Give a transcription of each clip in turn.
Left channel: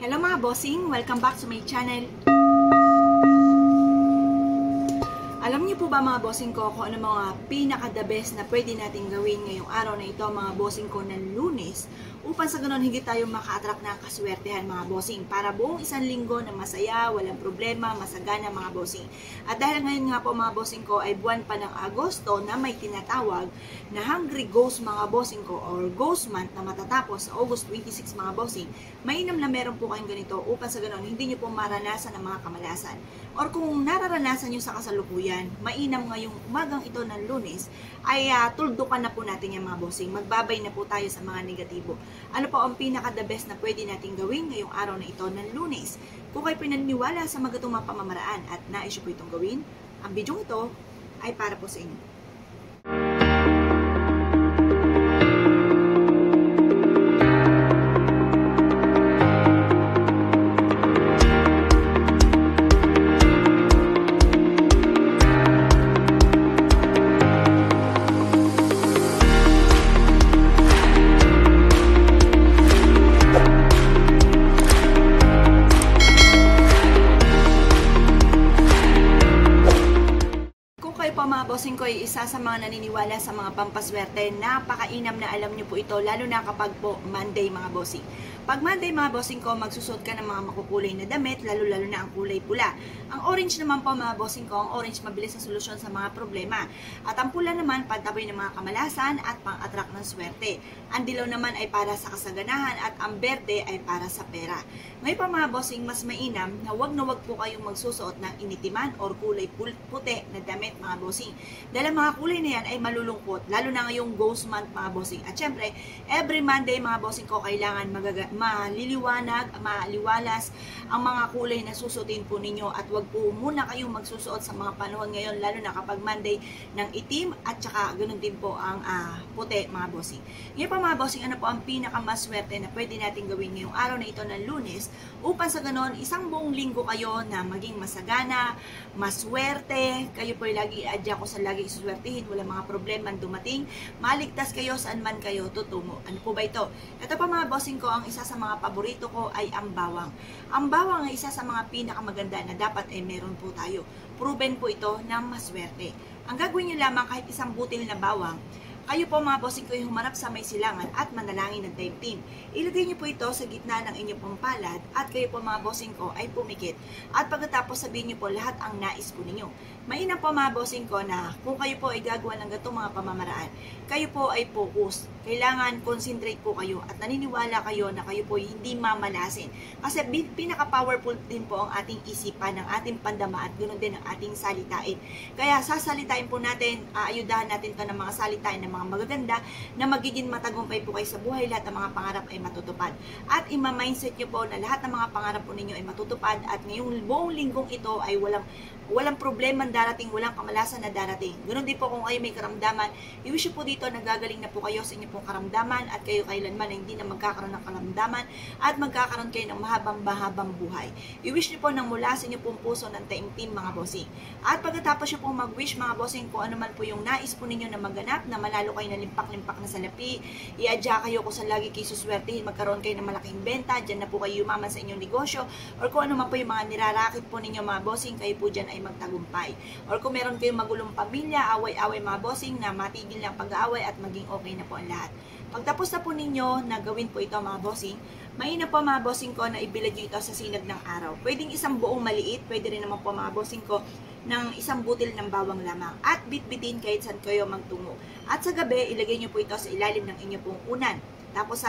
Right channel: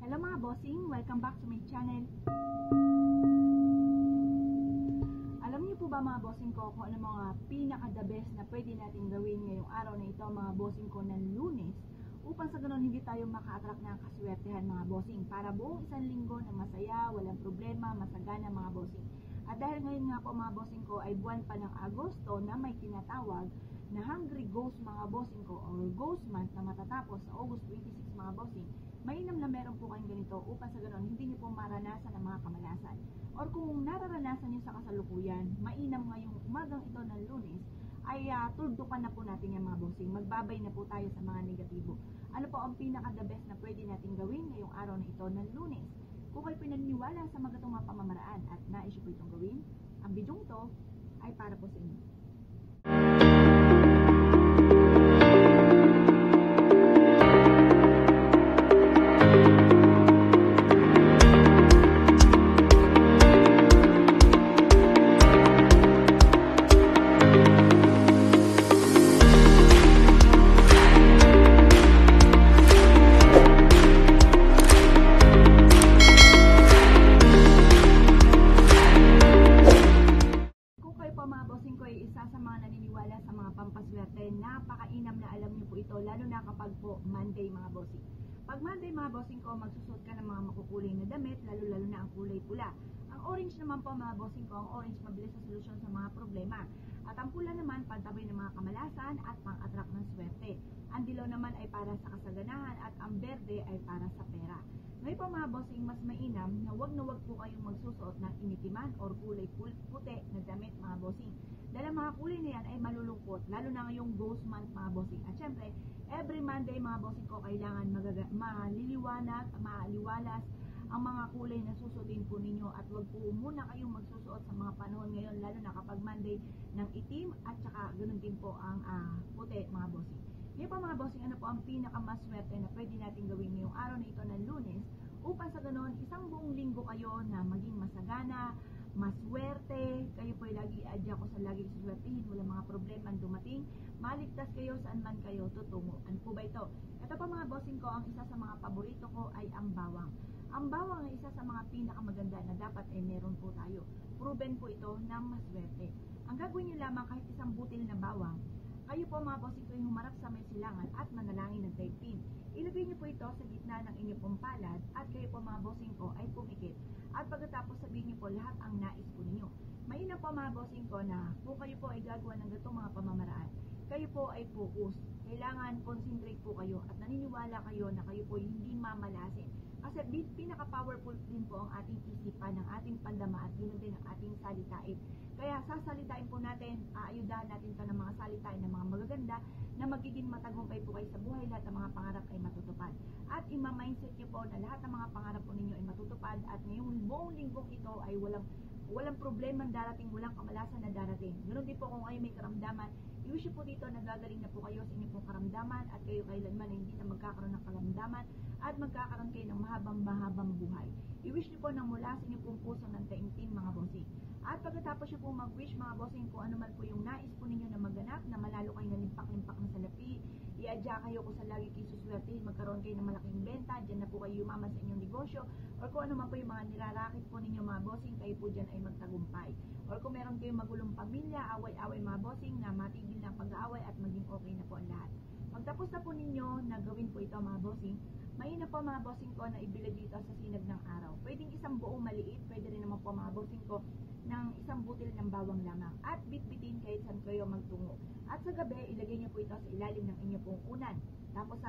Hello mga bossing! Welcome back to my channel. Alam niyo po ba mga bossing ko kung ano mga pinaka-the best na pwede natin gawin ngayong araw na ito mga bossing ko ng Lunes upang sa ganun higit tayo maka-attract ng kaswertehan mga bossing para buong isang linggo na masaya, walang problema, masagana mga bossing. At dahil ngayon nga po mga bossing ko ay buwan pa ng Agosto na may tinatawag na Hungry Ghost mga bossing ko or Ghost Month na matatapos sa August 26 mga bossing, mainam na meron po kayong ganito upang sa ganun hindi nyo po maranasan ang mga kamalasan. Or kung nararanasan nyo sa kasalukuyan, mainam ngayong umagang ito ng Lunes, ay tuldukan na po natin yung mga bossing. Magbabay na po tayo sa mga negatibo. Ano po ang pinaka-the best na pwede natin gawin ngayong araw na ito ng Lunes? Kung kayo pinaniniwala sa magatong mga pamamaraan at nais nyo po itong gawin, ang video ito ay para po sa inyo. Bossing ko ay isa sa mga naniniwala sa mga pampaswerte. Napakainam na alam nyo po ito, lalo na kapag po Monday mga bossing. Pag Monday mga bossing ko, magsusot ka ng mga makukulay na damit, lalo na ang kulay pula. Ang orange naman po mga bossing ko, ang orange mabilis sa solusyon sa mga problema. At ang pula naman, pantaboy ng mga kamalasan at pang-attract ng swerte. Ang dilaw naman ay para sa kasaganahan at ang berde ay para sa pera. Ngayon pa mga bossing, mas mainam na wag po kayong magsusuot ng initiman or kulay puti na damit mga bossing. Dahil mga kulay na yan ay malulungkot, lalo na ngayong Ghost Month mga bossing. At syempre, every Monday mga bossing ko, kailangan maliwalas ang mga kulay na susutin po ninyo at wag po muna kayong magsusuot sa mga panahon ngayon, lalo na kapag Monday ng itim at saka ganun din po ang puti mga bossing. Ngayon pa mga bossing, ano po ang pinakamaswerte na pwede natin gawin ngayong araw na ito ng Lunes upang sa ganon isang buong linggo kayo na maging masagana, maswerte, kayo po ay lagi adya ko sa lagi isuswertihin, wala mga problema dumating, maligtas kayo saan man kayo tutungo. Ano po ba ito? Ito pa mga bossing ko, ang isa sa mga paborito ko ay ang bawang. Ang bawang ay isa sa mga pinakamaganda na dapat ay meron po tayo. Proven po ito ng maswerte. Ang gagawin nyo lamang kahit isang butil na bawang, kayo po mga bossing ko ay humarap sa may silangan at manalangin ng time team. Ilagay niyo po ito sa gitna ng inyong pong palad at kayo po mga bossing ko ay pumikit. At pagkatapos sabihin niyo po lahat ang nais po ninyo. Mainam po mga bossing ko na kung kayo po ay gagawa ng ganitong mga pamamaraan, kayo po ay focus. Kailangan concentrate po kayo at naniniwala kayo na kayo po ay hindi mamalasin. Kasi pinaka-powerful din po ang ating isipan, ng ating pandama at ganoon din ang ating salitain. Kaya sasalitain po natin, aayudahan natin to ng mga salitain ng mga magaganda na magiging matagumpay po kayo sa buhay, lahat ng mga pangarap ay matutupad. At ima-mindset nyo po na lahat ng mga pangarap po ninyo ay matutupad at ngayong buong linggong ito ay walang problema darating, walang kamalasan na darating. Ganoon din po kung kayo may karamdaman, i-wish po dito na gagaling na po kayo sa inyong pong karamdaman at kayo kailanman ay hindi na magkakaroon ng karamdaman at magkakaroon kayo ng mahabang buhay. I-wish niyo po ng mula sa inyong pong puso ng taimtim mga bossing. At pagkatapos niyo pong mag-wish mga bossing, kung ano man po yung nais po ninyo na maganap, na manalo kayo ng limpak-limpak na salapi, i-adya kayo kung saan lagi kayo suswertihin, magkaroon kayo ng malaking benta, dyan na po kayo yumaman sa inyong negosyo, or kung ano man po yung mga nirarakit po ninyo mga bossing, kayo po dyan ay magtagumpay. Or kung meron kayong magulong pamilya, away-away mga bossing, na matigil ng pag-aaway at maging okay na po ang lahat. Pagtapos na po ninyo na gawin po ito mga bossing, mainam po mga bossing ko na ibilad nyo ito sa sinag ng araw. Pwedeng isang buong maliit, pwede rin naman po mga bossing ko ng isang butil ng bawang lamang. At bitbitin kahit saan kayo magtungo. At sa gabi, ilagay nyo po ito sa ilalim ng inyong pong unan. Tapos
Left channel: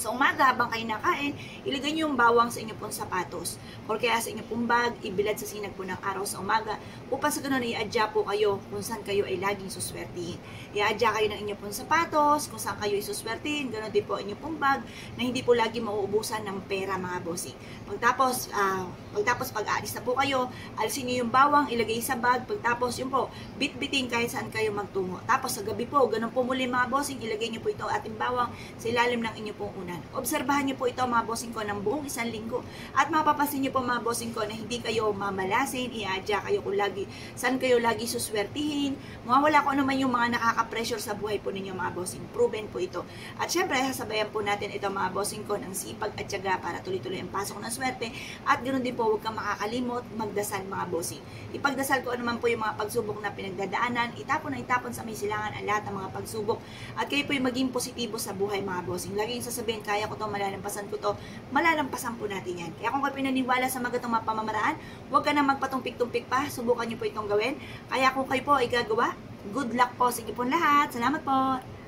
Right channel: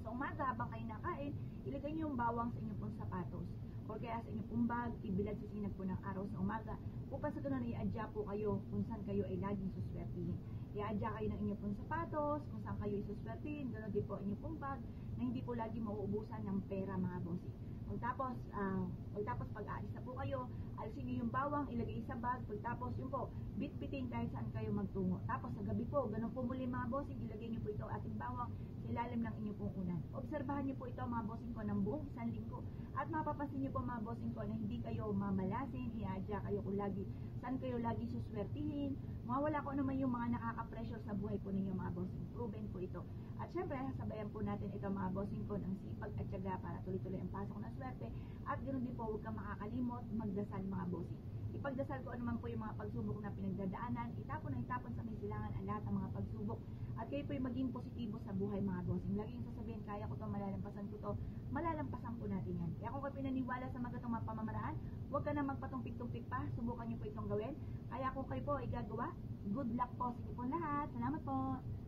sa umaga, habang kayo nakain, ilagay nyo yung bawang sa inyong pong sapatos. Or kaya sa inyong pong bag, ibilad sa sinag po ng araw sa umaga. Upang sa ganun, i-adya po kayo kung saan kayo ay laging suswertihin. I-adya kayo ng inyong pong sapatos, kung saan kayo ay suswertihin. Ganun din po inyong pong bag, na hindi po lagi mauubusan ng pera mga bossing. Pagtapos pag-aalis na po kayo, alisin nyo yung bawang, ilagay sa bag. Pagtapos yun po, bitbitin kahit saan kayo magtungo. Tapos sa gabi po, ganun po muli mga bossing, ilagay nyo po ito ating bawang sa ilalim ng inyong pong una. kapanahunan. Obserbahan niyo po ito mga bossing ko ng buong isang linggo at mapapansin niyo po mga bossing ko na hindi kayo mamalasin, iadya kayo kung saan kayo lagi suswertihin, mawawala ko naman yung mga nakaka-pressure sa buhay po ninyo mga bossing. Proven po ito. At syempre, sasabayan po natin ito mga bossing ko ng sipag at tiyaga para tuloy-tuloy ang pasok ng swerte at ganoon din po huwag kang makakalimot magdasal mga bossing. Ipagdasal ko naman po yung mga pagsubok na pinagdadaanan, itapon sa may silangan ang lahat ng mga pagsubok at kayo po yung maging positibo sa buhay mga bossing. Lagi yung sasabihin, kaya ko to, malalampasan ko to, malalampasan po natin yan. Kaya kung kayo pinaniwala sa mga mga pamamaraan, huwag ka na magpatumpik-tumpik pa, subukan nyo po itong gawin. Kaya kung kayo po ay gagawa, good luck po sa inyo po lahat. Salamat po!